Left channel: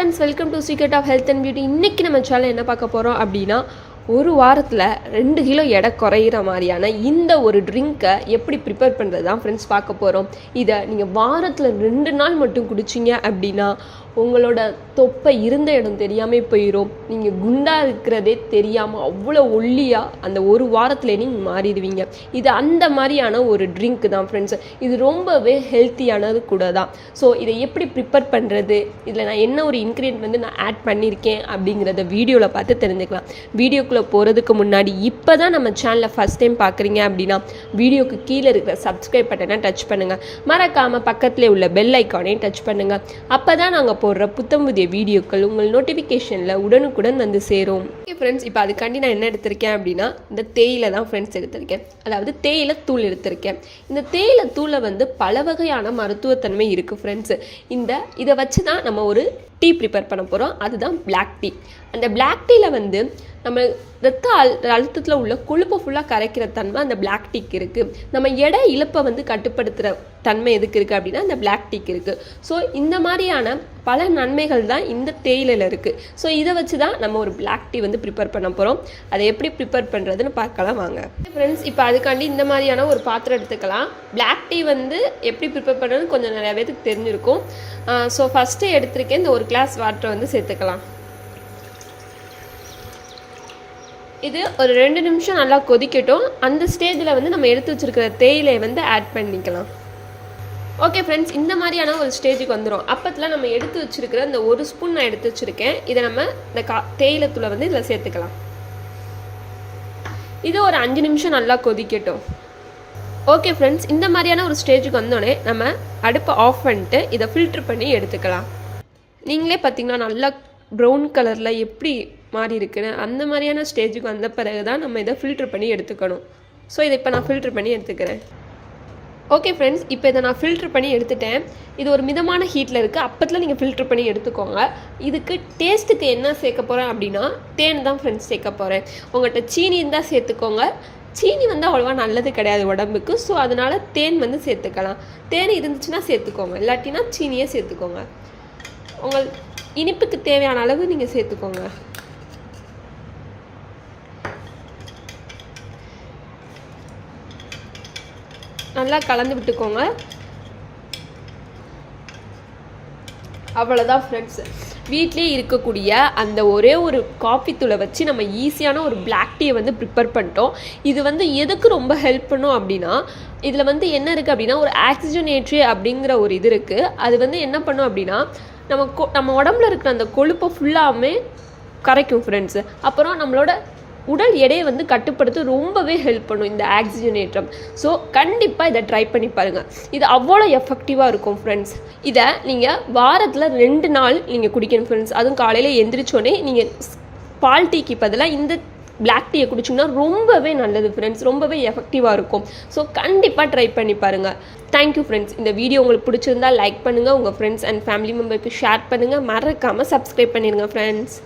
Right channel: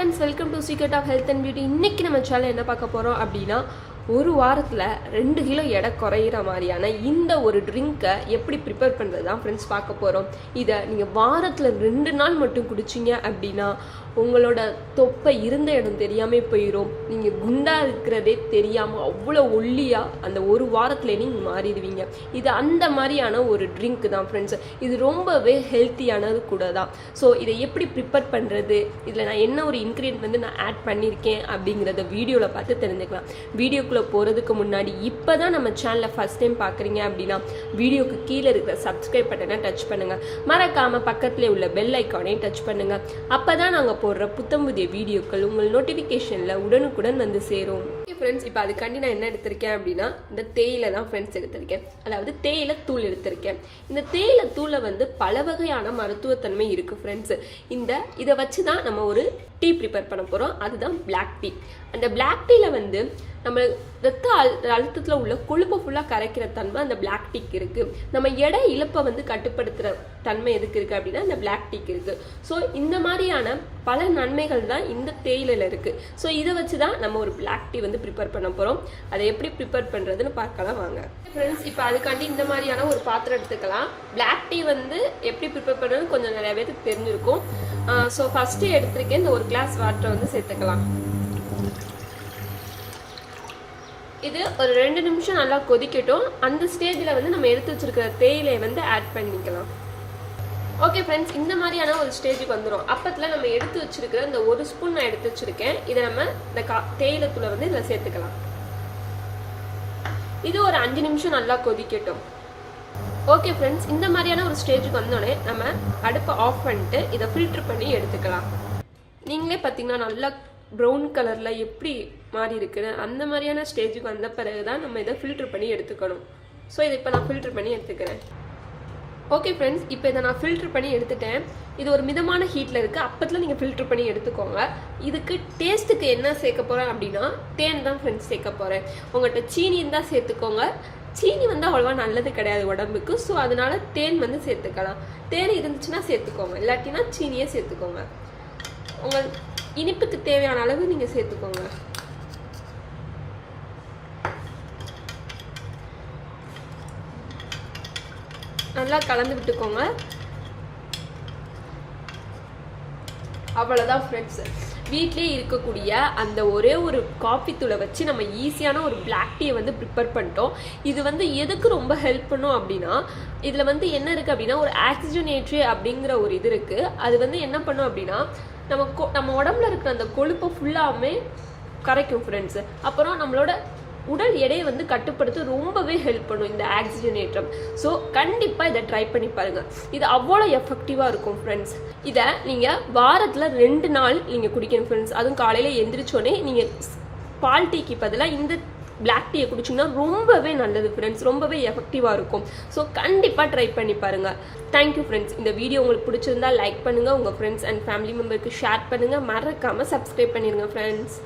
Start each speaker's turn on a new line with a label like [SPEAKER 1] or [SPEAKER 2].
[SPEAKER 1] Friends welcome to secret of health and beauty இன்றைக்கி நம்ம channel என்ன பார்க்க போகிறோம் அப்படின்னா ஒரு வாரத்தில் ரெண்டு கிலோ எடை குறையிற மாதிரியான இந்த ஒரு ட்ரிங்க்கை எப்படி ப்ரிப்பேர் பண்ணுறது தான் ஃப்ரெண்ட்ஸ் பார்க்க போகிறோம் இதை நீங்கள் வாரத்தில் ரெண்டு நாள் மட்டும் குடிச்சிங்க அப்படின்னா உங்களோட தொப்பை இருந்த இடம் தெரியாமல் போயிடும் நீங்கள் குண்டாக இருக்கிறதே தெரியாமல் அவ்வளோ ஒல்லியாக அந்த ஒரு வாரத்தில் நீங்கள் மாறிடுவீங்க. இது அந்த மாதிரியான ஒரு ட்ரிங்க் தான் ஃப்ரெண்ட்ஸ் இது ரொம்பவே ஹெல்த்தியானது கூட தான். ஸோ இதை எப்படி ப்ரிப்பேர் பண்ணுறது இதில் நான் என்ன ஒரு இன்க்ரீடியன்ட் வந்து நான் ஆட் பண்ணியிருக்கேன் அப்படிங்கிறத வீடியோவில் பார்த்து தெரிஞ்சுக்கலாம். வீடியோக்குள்ளே போகிறதுக்கு முன்னாடி இப்போ தான் நம்ம சேனலை ஃபஸ்ட் டைம் பார்க்குறீங்க அப்படின்னா வீடியோக்கு கீழே இருக்கிற சப்ஸ்கிரைப் பட்டனை டச் பண்ணுங்கள் மறக்காமல் பக்கத்தில் உள்ள பெல் ஐக்கானையும் டச் பண்ணுங்கள் அப்போ தான் நாங்கள் போடுற புத்தம் புதிய வீடியோக்கள் உங்கள் நோட்டிஃபிகேஷனில் உடனுக்குடன் வந்து சேரும். ஃப்ரெண்ட்ஸ் இப்போ அதுக்காண்டி நான் என்ன எடுத்திருக்கேன் அப்படின்னா இந்த தேயிலை தான் ஃப்ரெண்ட்ஸ் எடுத்திருக்கேன். அதாவது தேயிலை தூள் எடுத்திருக்கேன். இந்த தேயிலை தூளை வந்து பல வகையான மருத்துவத்தன்மை இருக்குது ஃப்ரெண்ட்ஸ் இந்த இதை வச்சு தான் நம்ம ஒரு டீ ப்ரிப்பேர் பண்ண போகிறோம் அதுதான் பிளாக் டீ அந்த பிளாக் டீயில் வந்து நம்ம ரத்த அழு அழுத்தத்தில் உள்ள கொழுப்பை ஃபுல்லாக கரைக்கிற தன்மை அந்த பிளாக் டீக்கு இருக்குது நம்ம எடை இழப்பை வந்து கட்டுப்படுத்துகிற தன்மை எதுக்கு இருக்குது அப்படின்னா அந்த பிளாக் டீக்கு இருக்குது ஸோ இந்த மாதிரியான பல நன்மைகள் தான் இந்த தேயிலையில் இருக்குது ஸோ இதை வச்சு தான் நம்ம ஒரு பிளாக் டீ வந்து ப்ரிப்பேர் பண்ண போகிறோம் அதை எப்படி ப்ரிப்பேர் பண்ணுறதுன்னு பார்க்கலாம் வாங்க. ஃப்ரெண்ட்ஸ் இப்போ அதுக்காண்டி இந்த மாதிரியான ஒரு பாத்திரம் எடுத்துக்கலாம். பிளாக் டீ வந்து எப்படி ப்ரிப்பேர் பண்ணுறதுன்னு கொஞ்சம் நிறையா பேருக்கு தெரிஞ்சிருக்கும் ஸோ ஃபஸ்ட்டு எடுத்திருக்கேன் இந்த ஒரு கிளாஸ் வாட்டரை வந்து சேர்த்துக்கலாம். இது ஒரு ரெண்டு நிமிஷம் நல்லா கொதிக்கட்டும். அந்த ஸ்டேஜில் வந்து நம்ம எடுத்து வச்சிருக்கிற தேயிலையை வந்து ஆட் பண்ணிக்கலாம். ஓகே ஃப்ரெண்ட்ஸ் இந்த மாதிரியான ஒரு ஸ்டேஜுக்கு வந்துடும் அப்பத்தில் நம்ம எடுத்து வச்சிருக்கிற இந்த ஒரு ஸ்பூன் நான் எடுத்து வச்சுருக்கேன். இதை நம்ம இந்த கா தேயிலத்தூளை வந்து இதில் சேர்த்துக்கலாம். இது ஒரு அஞ்சு நிமிஷம் நல்லா கொதிக்கட்டும். ஓகே ஃப்ரெண்ட்ஸ் இந்த மாதிரியான ஒரு ஸ்டேஜுக்கு வந்தோடனே நம்ம அடுப்பை ஆஃப் பண்ணிட்டு இதை ஃபில்ட்ரு பண்ணி எடுத்துக்கலாம். நீங்களே பார்த்தீங்கன்னா நல்லா ப்ரௌன் கலரில் எப்படி மாறி இருக்குன்னு அந்த மாதிரியான ஸ்டேஜுக்கு வந்த பிறகு தான் நம்ம இதை ஃபில்ட்ரு பண்ணி எடுத்துக்கணும். ஸோ இதை இப்போ நான் ஃபில்ட்ரு பண்ணி எடுத்துக்கிறேன். ஓகே ஃப்ரெண்ட்ஸ் இப்போ இதை நான் ஃபில்ட்ரு பண்ணி எடுத்துட்டேன். இது ஒரு மிதமான ஹீட்டில் இருக்குது அப்பத்தில் நீங்கள் ஃபில்ட்ரு பண்ணி எடுத்துக்கோங்க. இதுக்கு டேஸ்ட்டுக்கு என்ன சேர்க்க போகிறேன் அப்படின்னா தேன் தான் ஃப்ரெண்ட்ஸ் சேர்க்க போகிறேன் உங்கள்கிட்ட சீனி இருந்தால் சேர்த்துக்கோங்க. சீனி வந்து அவ்வளோவா நல்லது கிடையாது உடம்புக்கு. ஸோ அதனால் தேன் வந்து சேர்த்துக்கலாம். தேன் இருந்துச்சுன்னா சேர்த்துக்கோங்க. இல்லாட்டினா சீனியே சேர்த்துக்கோங்க. உங்கள் இனிப்புக்கு தேவையான அளவு நீங்கள் சேர்த்துக்கோங்க. நல்லா கலந்து விட்டுக்கோங்க. அவ்வளோதான் ஃப்ரெண்ட்ஸ் வீட்லேயே இருக்கக்கூடிய அந்த ஒரே ஒரு காஃபி தூளை வச்சு நம்ம ஈஸியான ஒரு பிளாக் டீயை வந்து ப்ரிப்பேர் பண்ணிட்டோம். இது வந்து எதுக்கு ரொம்ப ஹெல்ப் பண்ணும் அப்படின்னா இதில் வந்து என்ன இருக்குது அப்படின்னா ஒரு ஆக்சிஜனேட்ரி அப்படிங்கிற ஒரு இது இருக்குது அது வந்து என்ன பண்ணும் அப்படின்னா நம்ம கொ நம்ம உடம்புல இருக்கிற அந்த கொழுப்பை ஃபுல்லாமே கரைக்கும் ஃப்ரெண்ட்ஸு அப்புறம் நம்மளோட உடல் எடையை வந்து கட்டுப்படுத்த ரொம்பவே ஹெல்ப் பண்ணும் இந்த ஆக்சிஜனேற்றம் ஸோ கண்டிப்பாக இதை ட்ரை பண்ணி பாருங்கள் இது அவ்வளோ எஃபெக்டிவாக இருக்கும் ஃப்ரெண்ட்ஸ் இதை நீங்கள் வாரத்தில் ரெண்டு நாள் நீங்கள் குடிக்கணும் ஃப்ரெண்ட்ஸ் அதுவும் காலையில் எந்திரிச்சோடனே நீங்கள் பால் டீக்கு பதிலாக இந்த பிளாக் டீயை குடிச்சோம்னா ரொம்பவே நல்லது ஃப்ரெண்ட்ஸ் ரொம்பவே எஃபெக்டிவாக இருக்கும். ஸோ கண்டிப்பாக ட்ரை பண்ணி பாருங்கள் தேங்க்யூ ஃப்ரெண்ட்ஸ் இந்த வீடியோ உங்களுக்கு பிடிச்சிருந்தா லைக் பண்ணுங்கள் உங்கள் ஃப்ரெண்ட்ஸ் அண்ட் ஃபேமிலி மெம்பருக்கு ஷேர் பண்ணுங்கள் மறக்காமல் சப்ஸ்கிரைப் பண்ணிடுங்க ஃப்ரெண்ட்ஸ்